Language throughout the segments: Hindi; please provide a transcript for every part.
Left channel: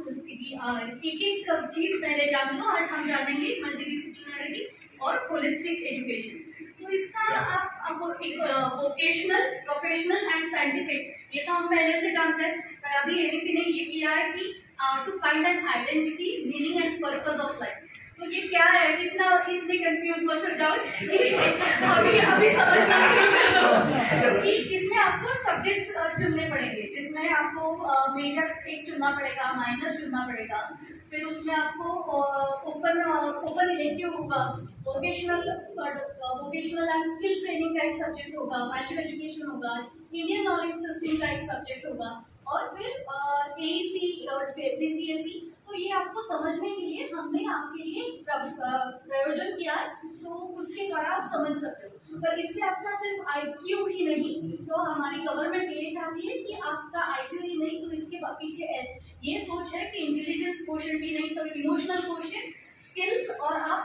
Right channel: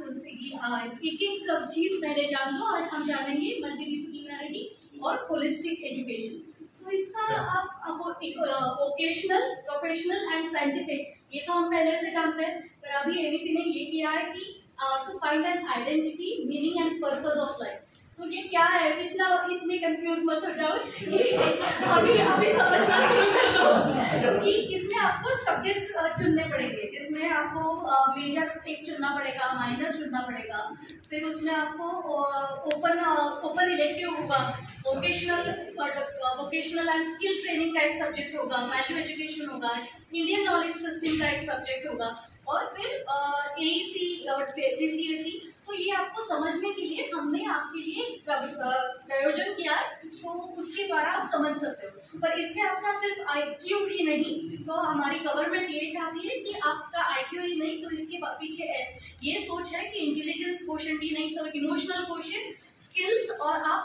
एक एक चीज पहले जान लो। आज हम जानेंगे मल्टीडिसिप्लिनरिटी और होलिस्टिक एजुकेशन। तो इसका आप एक वोकेशनल, प्रोफेशनल एंड साइंटिफिक, ये तो हम पहले से जानते हैं, पर अभी एबीपी ने ये किया है कि to find an identity, meaning and purpose of life. तो ये क्या है, इतने कंफ्यूज मत हो जाओ अभी समझना शुरू कर दो कि इसमें आपको सब्जेक्ट्स चुनने पड़ेंगे, जिसमें आपको मेजर एक चुनना पड़ेगा, माइनर चुनना पड़ेगा, फिर उसमें आपको ओपन इलेक्टिव होगा, वोकेशनल एंड स्किल ट्रेनिंग का एक सब्जेक्ट होगा, वैल्यू एजुकेशन होगा, इंडियन नॉलेज सिस्टम का एक सब्जेक्ट होगा, और फिर एईसी और डीसीएसी। तो ये आपको समझने के लिए हमने आपके लिए प्रयोजन किया है, तो उसके द्वारा आप समझ सकते हो। पर इससे आपका सिर्फ आईक्यू ही नहीं, तो हमारी गवर्नमेंट ये चाहती है कि आपका आईक्यू ही नहीं, तो इसके पीछे ये सोच है कि इंटेलिजेंस कोशेंट ही नहीं, तो इमोशनल कोशेंट, स्किल्स, और आप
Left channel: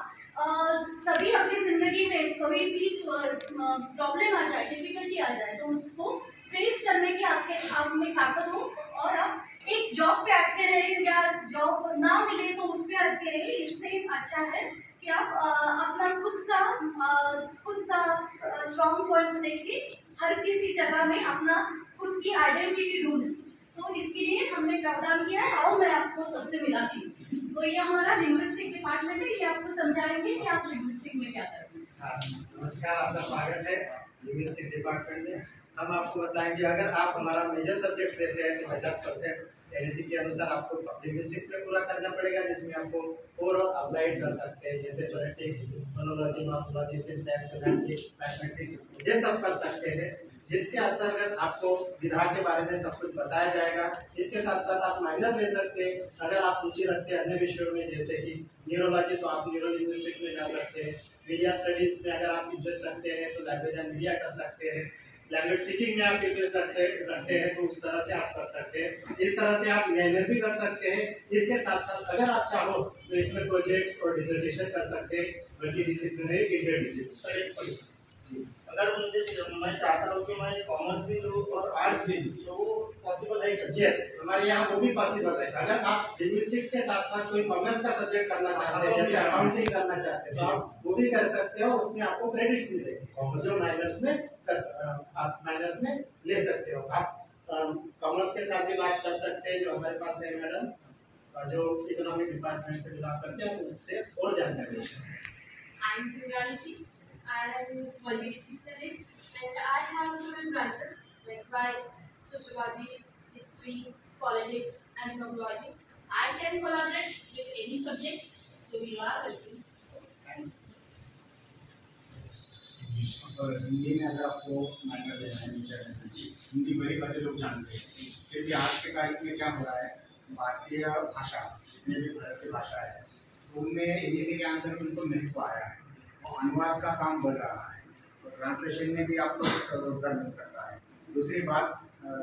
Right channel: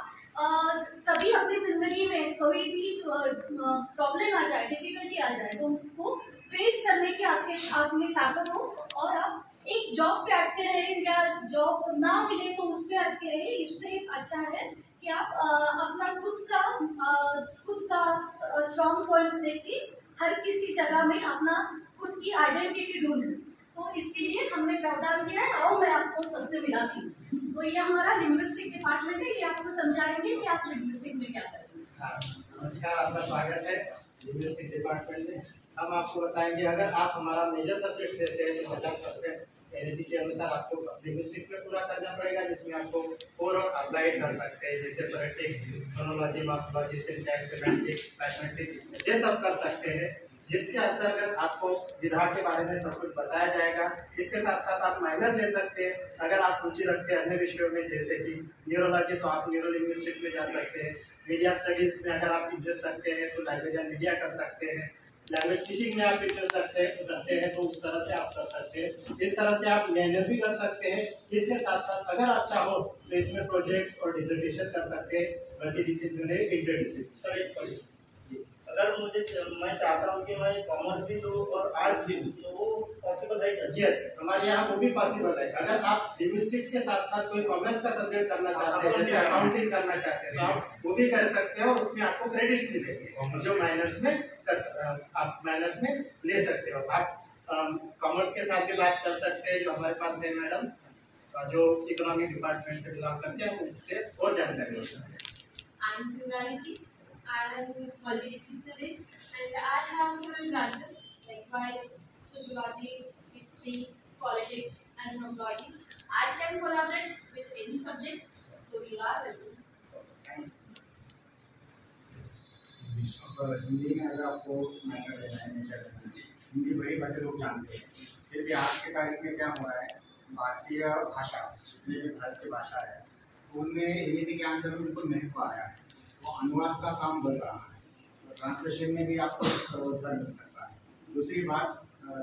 तभी अपनी जिंदगी में कभी भी प्रॉब्लम आ जाए, डिफिकल्टी आ जाए, तो उसको फेस करने की आप में ताकत हो, और आप एक जॉब पे अटके रहे या जॉब ना मिले तो उस पे अटके रहे। इससे अच्छा है कि आप अपना खुद का स्ट्रॉन्ग पॉइंट्स देख के हर किसी जगह में अपना खुद की आइडेंटिटी ढूंढें। तो इसके लिए हमने प्रावधान किया है। आओ मैं आपको सबसे मिलाती हूँ। तो ये हमारा लिंग्विस्टिक डिपार्टमेंट है, ये आपको समझाएंगे कि आप लिंग्विस्टिक में क्या करेंगे। नमस्कार, आपका स्वागत है लिंग्विस्टिक डिपार्टमेंट में। हम आपको बताएंगे, अगर आप हमारा मेजर सब्जेक्ट लेते हैं तो 50% एनईपी के अनुसार आपको लिंग्विस्टिक्स में पूरा करना पड़ेगा, जिसमें आपको और अप्लाइड कर सकते हैं, जैसे phonetics, phonology, morphology, syntax, semantics, mathematics, ये सब कर सकते हैं, जिसके अंतर्गत आपको विधा के बारे में सब कुछ बताया जाएगा। इसके साथ साथ आप माइनर ले सकते हैं अगर आप रुचि रखते हैं अन्य विषयों में, जैसे कि न्यूरोलॉजी, तो आप न्यूरो लिंग्विस्टिक्स में जा सकते हैं। मीडिया स्टडीज में अगर आप इंटरेस्ट रखते हैं तो लैंग्वेज एंड मीडिया कर सकते हैं। लैंग्वेज टीचिंग में आप इंटरेस्ट रखते हैं तो उस तरह से आप कर सकते हैं। इस तरह से आप माइनर भी कर सकते हैं। इसके साथ साथ अगर आप चाहो तो इसमें प्रोजेक्ट्स और डिसर्टेशन कर सकते हैं, मल्टीडिसिप्लिनरी, इंटरडिसिप्लिनरी। अगर मैं चाहता हूँ कि मैं कॉमर्स भी लूँ और आर्ट्स भी लूँ, तो वो पॉसिबल है क्या? यस, हमारे यहाँ वो भी पॉसिबल है। अगर आप लिंग्विस्टिक्स के साथ साथ कोई कॉमर्स का सब्जेक्ट करना चाहते हैं, जैसे अकाउंटिंग करना चाहते हैं, तो आप वो भी कर सकते हो। उसमें आपको क्रेडिट्स मिलेंगे जो माइनर्स में आप माइनर्स में ले सकते हो। आप कॉमर्स के साथ भी बात कर सकते हैं, जो हमारे पास है मैडम, जो इकोनॉमिक डिपार्टमेंट से बिलोंग करते हैं, उनसे और जानकारी ले सकते हैं। I am multidisciplinary and I have several branches like vice, sociology, history, politics and ethnology. I can collaborate with any subject, so you are welcome. Hindi में अगर आपको माइनर लेना है, मेजर लेना है, हिंदी बड़ी बातें लोग जानते हैं, फिर भी आज के तारीख में क्या हो रहा है, भारतीय भाषा, जितने भी भारतीय भाषा है उनमें एनईपी के अंदर उनको महत्व आया है, वो अनुवाद का काम बढ़ रहा है, तो ट्रांसलेशन में भी आपको रोजगार मिल सकता है। दूसरी बात,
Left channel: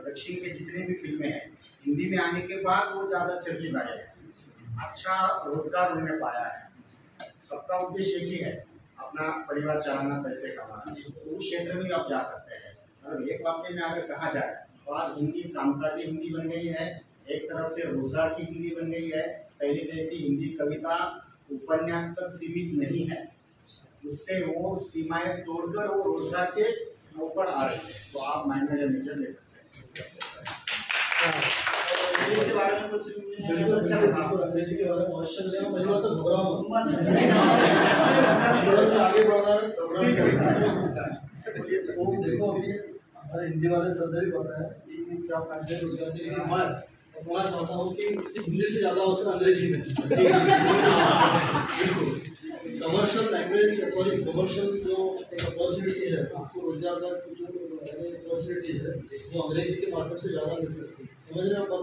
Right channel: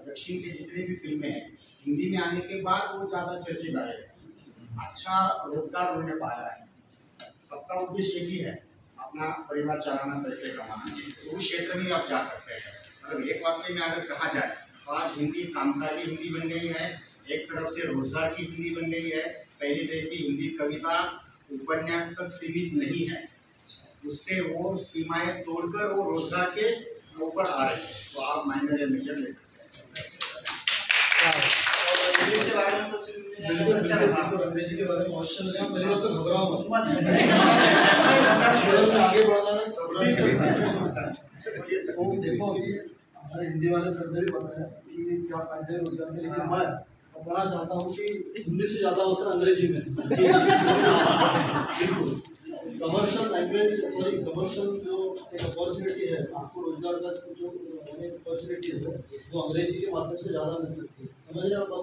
दक्षिण के जितनी भी फिल्में हैं हिंदी में आने के बाद वो ज़्यादा चर्चित आए हैं, अच्छा रोजगार उन्होंने पाया है। सबका उद्देश्य एक ही है, अपना परिवार चलाना, पैसे कमाना, तो उस क्षेत्र में आप जा सकते हैं। मतलब एक वाक्य में अगर कहा जाए तो आज हिंदी कामकाजी हिंदी बन गई है, एक तरफ से रोजगार की हिंदी बन गई है। पहले जैसी हिंदी कविता उपन्यास तक सीमित नहीं है, उससे वो सीमाएं तोड़कर वो रोजगार के ऊपर आ रहे हैं। तो आप माइनर या मेजर ले सकते हैं। इंग्लिश के बारे में कुछ अंग्रेजी के बारे में क्वेश्चन लिया, पहली बात तो घबराओ मत, आगे बढ़ना देखो। अभी हमारे हिंदी वाले सर भी पता है कि क्या फायदे रोजगार के, लेकिन मैं बताना चाहता हूँ कि हिंदी से ज़्यादा अवसर अंग्रेजी में। बिल्कुल कमर्शियल लैंग्वेज, सॉरी कमर्शियल जो एक अपॉर्चुनिटी है, आपको रोजगार का जो अपॉर्चुनिटीज़ है वो अंग्रेजी के माध्यम से ज़्यादा मिल सकती है। समझ रहे हैं बात?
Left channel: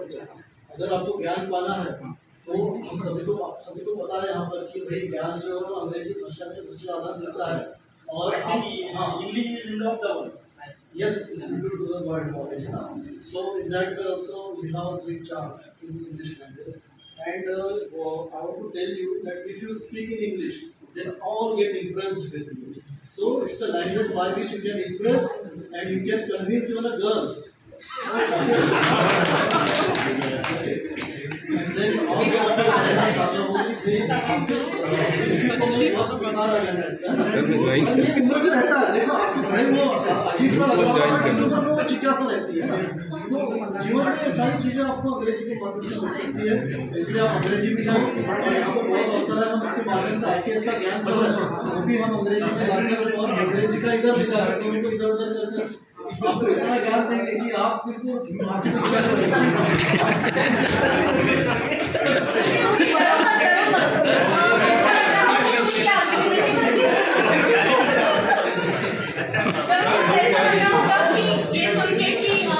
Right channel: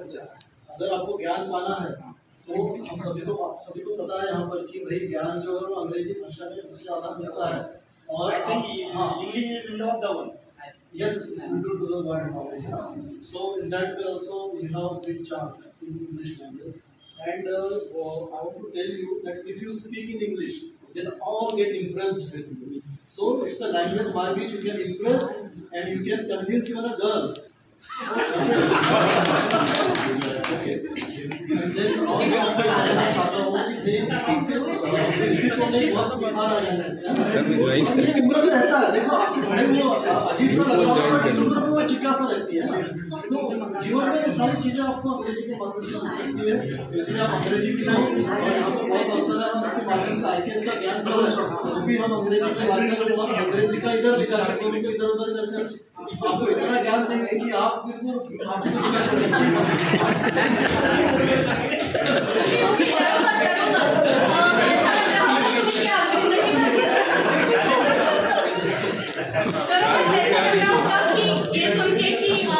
अगर आपको ज्ञान पाना है तो हम सभी को पता है यहाँ पर कि भाई ज्ञान जो है वो अंग्रेजी भाषा में सबसे ज़्यादा मिलता है। और English is window of the world. Yes, it's window to the world knowledge. So in that way also you have a big chance in English language. And I want to tell you that if you speak in English, then all get impressed with you. So it's a language by which you can impress and you can convince even a girl. Okay. Then और मैं आपको बताना चाहता हूँ कि इसी को मैं बहुत बीमार आ जाना है ये उम्र भी रहता है। देखो आपको बड़े वो अजीब सा लगता है, वो जिज्ञासा रहती है। तो जीवन में ये सारी चीज़ें आपको अंग्रेजी के माध्यम से मिल सकती है, इसलिए आप अंग्रेजी भी करें और यहाँ पर बहुत अवसर है, हम इसके माध्यम से IKS का ज्ञान कर रहे हैं, वो भी हम अंग्रेजी में लाते हैं और अंग्रेजी का इधर विचार करते हैं, उनको इधर उधर करते हैं, आपको इतना ज्ञान देंगे कि आप बिल्कुल आपकी तो क्या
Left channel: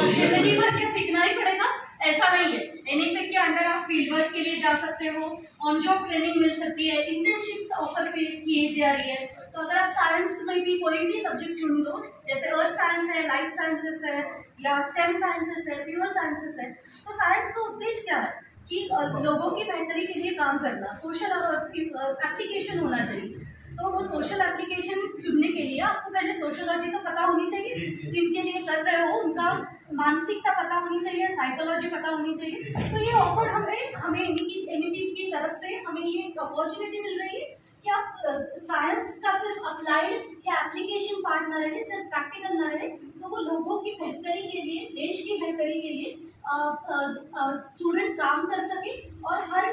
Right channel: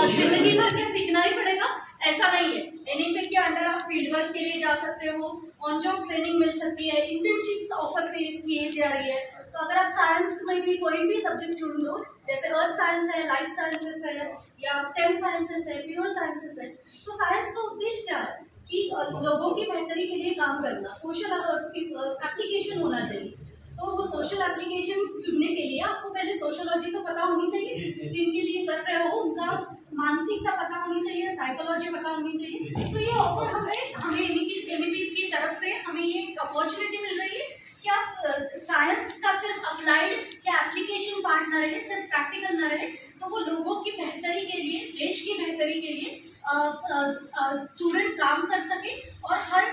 जिंदगी भर क्या सीखना ही पड़ेगा ऐसा नहीं है। एनईपी के अंडर आप फील्ड वर्क के लिए जा सकते हो, ऑन जॉब ट्रेनिंग मिल सकती है, इंटर्नशिप्स ऑफर की जा रही है। तो अगर आप साइंस में भी कोई भी सब्जेक्ट चुन लो, जैसे अर्थ साइंस है, लाइफ साइंसेस है या स्टेम साइंसेस है, प्योर साइंसेस है, तो साइंस का उद्देश्य क्या है कि लोगों की बेहतरी के लिए काम करना, सोशल एप्लीकेशन होना चाहिए। तो वो सोशल एप्लीकेशन चुनने के लिए आपको पहले सोशोलॉजी तो पता होनी चाहिए, जिनके लिए कर रहे हो उनका मानसिकता पता होनी चाहिए, साइकोलॉजी पता होनी चाहिए। तो ये ऑफर हमें एनईपी की तरफ से हमें ये अपॉर्चुनिटी मिल रही है कि आप साइंस का सिर्फ अप्लाइड या एप्लीकेशन पार्ट ना रहे, सिर्फ प्रैक्टिकल ना रहे, तो वो लोगों की बेहतरी के लिए, देश की बेहतरी के लिए स्टूडेंट काम कर सके और हर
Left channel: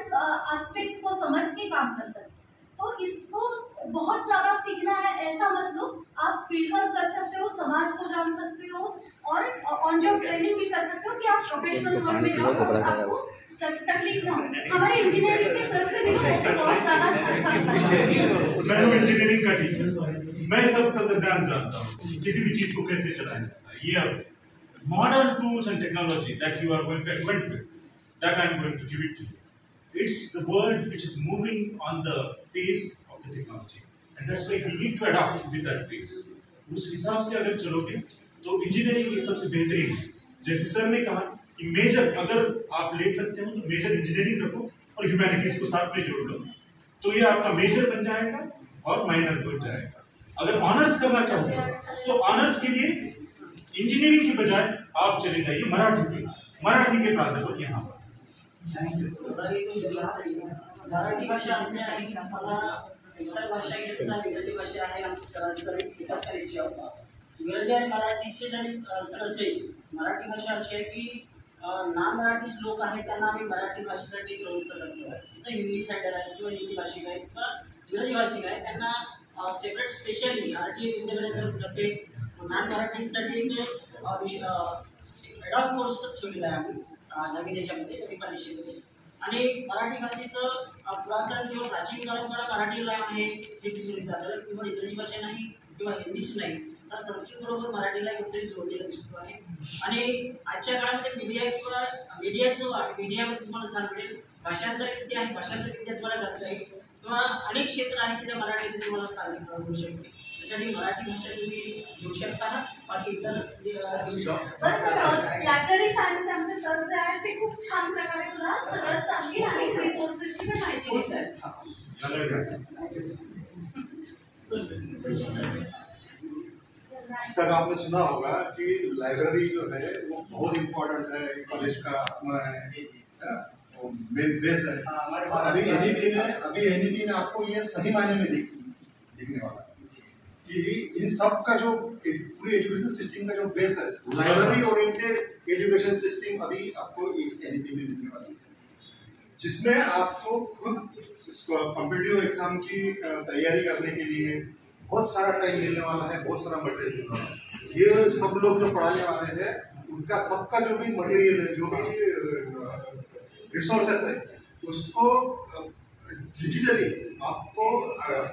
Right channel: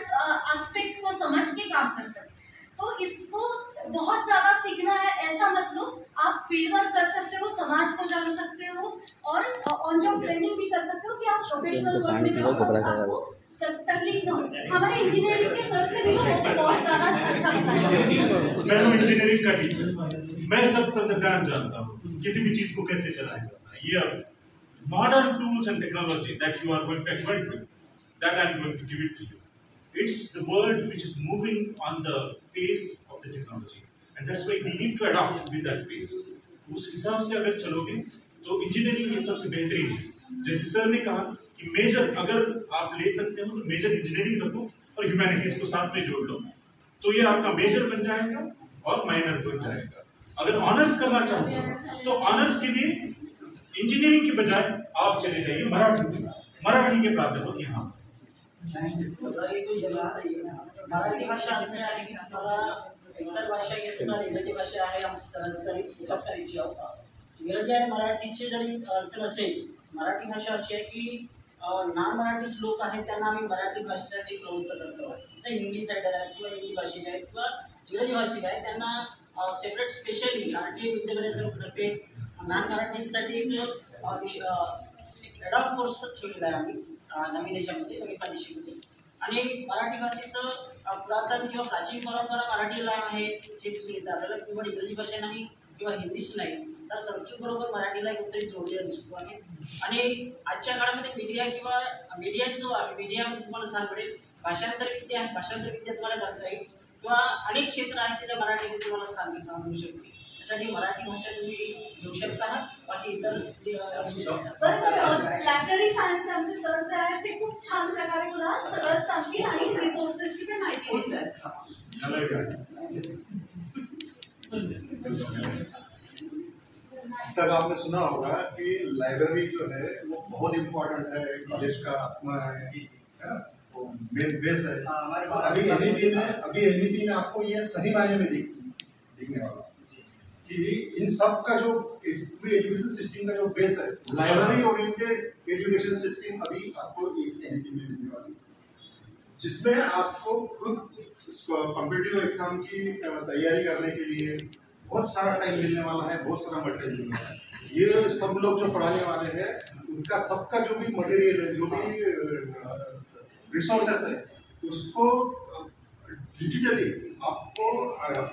एस्पेक्ट को समझ के काम कर सके। तो इसको बहुत ज़्यादा सीखना है ऐसा मत लो, आप फील्ड वर्क कर सकते हो, समाज को जान सकते हो और ऑन जॉब ट्रेनिंग भी कर सकते हो कि आप प्रोफेशनल वर्क में जाओ, आपको तकलीफ ना हो। हमारे इंजीनियरिंग के सर से भी बहुत ज़्यादा अच्छा लगता है। मैं हूँ इंजीनियरिंग का टीचर, मैं सब तंत्रज्ञान जानता हूँ, किसी भी चीज को कैसे चलाया जाता है। ये अब modern tools and technology that you are going to acquaint with, that I am going to give it to you. It's the world which is moving on the pace of the technology, and that's why we need to adapt with that pace. उस हिसाब से अगर चलोगे तो इंजीनियरिंग की सबसे बेहतरीन है। जैसे सर ने कहा कि मेजर अगर आप ले सकते हो तो मेजर इंजीनियरिंग रखो और ह्यूमैनिटीज को साथ में जोड़ लो, तो ये आपका मेजर बन जाएगा और माइनर बन जाएगा। अगर ऑनर्स करना चाहते हो तो ऑनर्स के लिए इंजीनियरिंग की बजाय आप चले जाइए मराठी के प्राध्यापक यहाँ मराठी भाषा असे आहे की मला इतर भाषा घेतला इंग्रजी भाषा आहे आमची सरांचा विकास करायची आहे। इंग्रजी आणि मराठीची जरी अडचण असेल, मराठी भाषा अशी आहे की नॉन मराठी लोक आहेत त्यांना आम्ही मराठी भाषेसाठी प्रवृत्त करतो। जसे हिंदी सायडर आहेत किंवा हिंदी भाषिक आहेत किंवा इंग्रजी भाषिक आहेत, त्यांना सेपरेट स्पेशली RTI विद्यापीठातर्फे नॉन मराठीसाठी एक ॲडॉप्ट कोर्स ठेवलेला आहे आम्ही नवीन याच्यामध्ये, नवीन पॉलिसीमध्ये। आणि मराठी भाषेचं पुरातन किंवा प्राचीन परंपरा मराठीला आहे हे दिसून येतं आपल्याला, किंवा इंग्रजी भाषा नाही किंवा हिंदीच नाही तर संस्कृत बरोबर मराठीला कुठेतरी जोडलेलं दिसतो आहे। आणि आजच्या काळामध्ये मीडिया किंवा मीडिया जो आहे, मीडियामध्ये तुम्हाला स्थान मिळेल, भाषांतर विद्या आहे, भाषांतर विद्या तुम्हाला करता येईल किंवा अनेक क्षेत्र आहेत तिथे मराठीमध्ये तुम्हाला स्थान मिळू शकते। त्यासाठी मराठी भाषा तुम्ही घेऊ शकता, बाकी इतर लायब्ररी सायन्स आमचे सर जे आहेत ते खूप छान प्रकारे तुला सगळं सांगतील आणि रिसोर्सेसची पण माहिती देतात। तक आपने सुना होगा कि लाइब्रेरी जो है वो बहुत इम्पोर्टेंट है, कॉलेज का है ना, वो मेन बेस है। अभी एनईपी में आपको ये सही मायने में दिखने वाला कि इन सब का जो पूरी एजुकेशन सिस्टम का जो बेस है, लाइब्रेरी ओरिएंटेड एजुकेशन सिस्टम अभी आपको इस एनईपी में मिलने वाली है, जिसमें आपको खुद कॉम्पिटिटिव एग्जाम की तैयारी करने के लिए बहुत सारा टाइम मिलने वाला है, बहुत सारा मटेरियल मिलने वाला है। ये सब लोग जो पढ़ाने वाले हैं उनका सबका जो भी मटेरियल है, जो भी रिसोर्सेस है, उसको डिजिटली आपको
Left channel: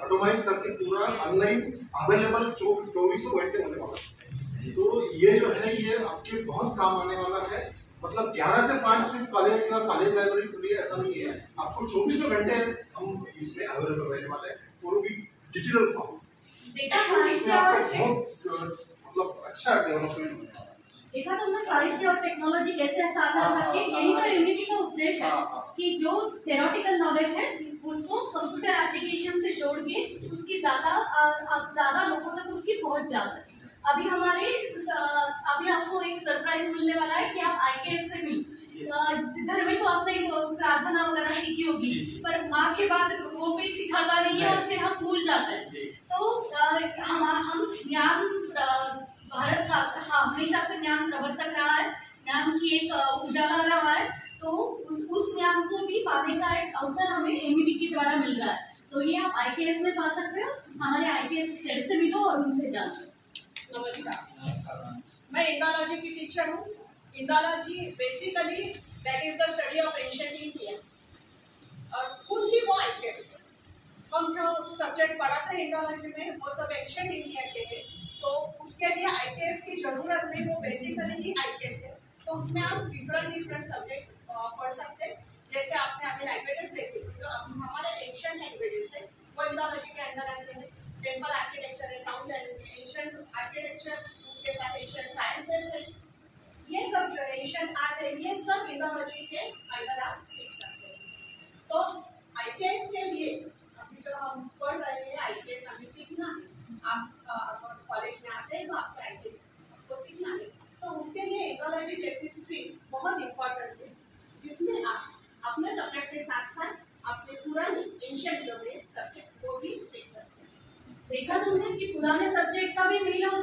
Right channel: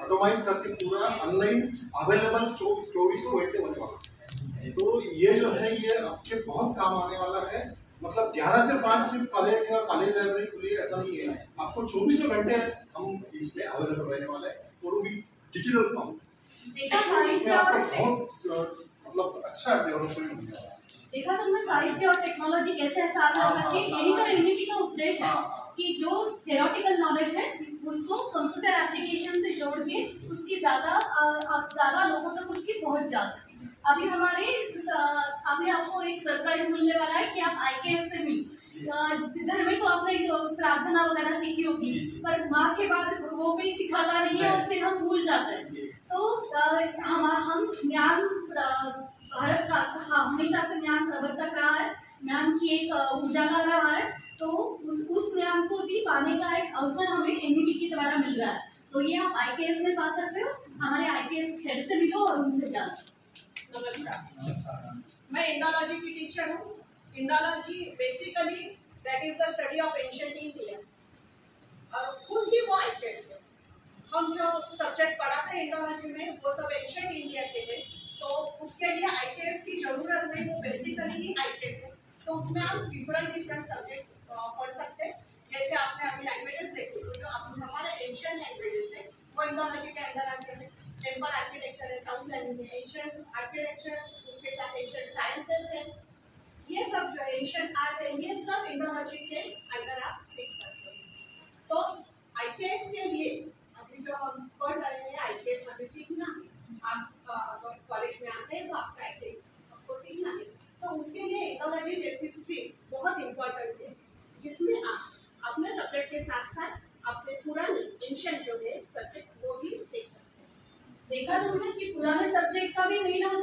ऑटोमाइज करके पूरा ऑनलाइन अवेलेबल 24 घंटे होने वाला है। तो ये जो है ये आपके बहुत काम आने वाला है। मतलब 11 से 5 सिर्फ कॉलेज का कॉलेज लाइब्रेरी खुली है ऐसा नहीं है, आपको 24 घंटे हम इसमें अवेलेबल रहने वाले हैं और वो भी डिजिटल फॉर्म। बहुत मतलब अच्छा डेवलपमेंट होने वाला है। देखा तुमने साहित्य और टेक्नोलॉजी कैसे साथ आ सकती है, यही तो एनईपी का उद्देश्य है कि जो थ्योरेटिकल नॉलेज है उसको कंप्यूटर एप्लीकेशन से जोड़ के उसकी ज़्यादा लोगों तक उसकी पहुंच जा सके। अभी आपको एक सरप्राइज मिलने वाला है कि आप IKS से भी धर्म को आपने प्रार्थना वगैरह सीखी होगी, पर माँ के बाद वो कोई सिखाता नहीं है और फिर हम भूल जाते हैं। तो हम ज्ञान भारत का हमेशा से ज्ञान प्रवर्तक रहा है, ज्ञान की एक उजाला रहा है, तो उस ज्ञान को भी पाने का एक अवसर हमें एमईबी के द्वारा मिल रहा है। तो ये आप आईकेएस में पा सकते हो, हमारे आईकेएस हेड से मिलो और उनसे जानो। नमस्कार, मैं इंडोलॉजी की टीचर हूँ। Indology basically that is the study of ancient India, और खुद ही वो आईकेएस है। हम जो सब्जेक्ट पढ़ाते हैं इंडोलॉजी में वो सब एंशिएंट इंडिया के हैं, तो उसके लिए आईकेएस की जरूरत नहीं, वो बेसिकली ही आईकेएस है। तो उसमें हम डिफरेंट सब्जेक्ट पढ़ सकते हैं। जैसे आपने अभी लैंग्वेजेस देखी, तो जो हमारे एंशिएंट लैंग्वेजेस है वो इंडोलॉजी के अंदर आते हैं। टेम्पल आर्किटेक्चर है, टाउन प्लानिंग है, एंशिएंट आर्किटेक्चर, उसके साथ एंशिएंट साइंसेस है, ये सब जो एंशिएंट आर्ट है, ये सब इंडोलॉजी के अंदर आप सीख सकते हैं। तो आईकेएस के लिए अभी जो हम पढ़ रहे हैं, आईकेएस अभी सीखना है। आप कॉलेज में आते हैं तो आपका आईकेएस आपको सीखना है, तो उसके लिए इंडोलॉजी जैसी स्ट्रीम बहुत इम्पोर्टेंट है, जिसमें आप अपने सब्जेक्ट के साथ साथ अपने पुराने एंशिएंट जो है सब्जेक्ट वो भी सीख सकते हैं। देखा तुमने कि पुराने सब्जेक्ट का भी मेल हो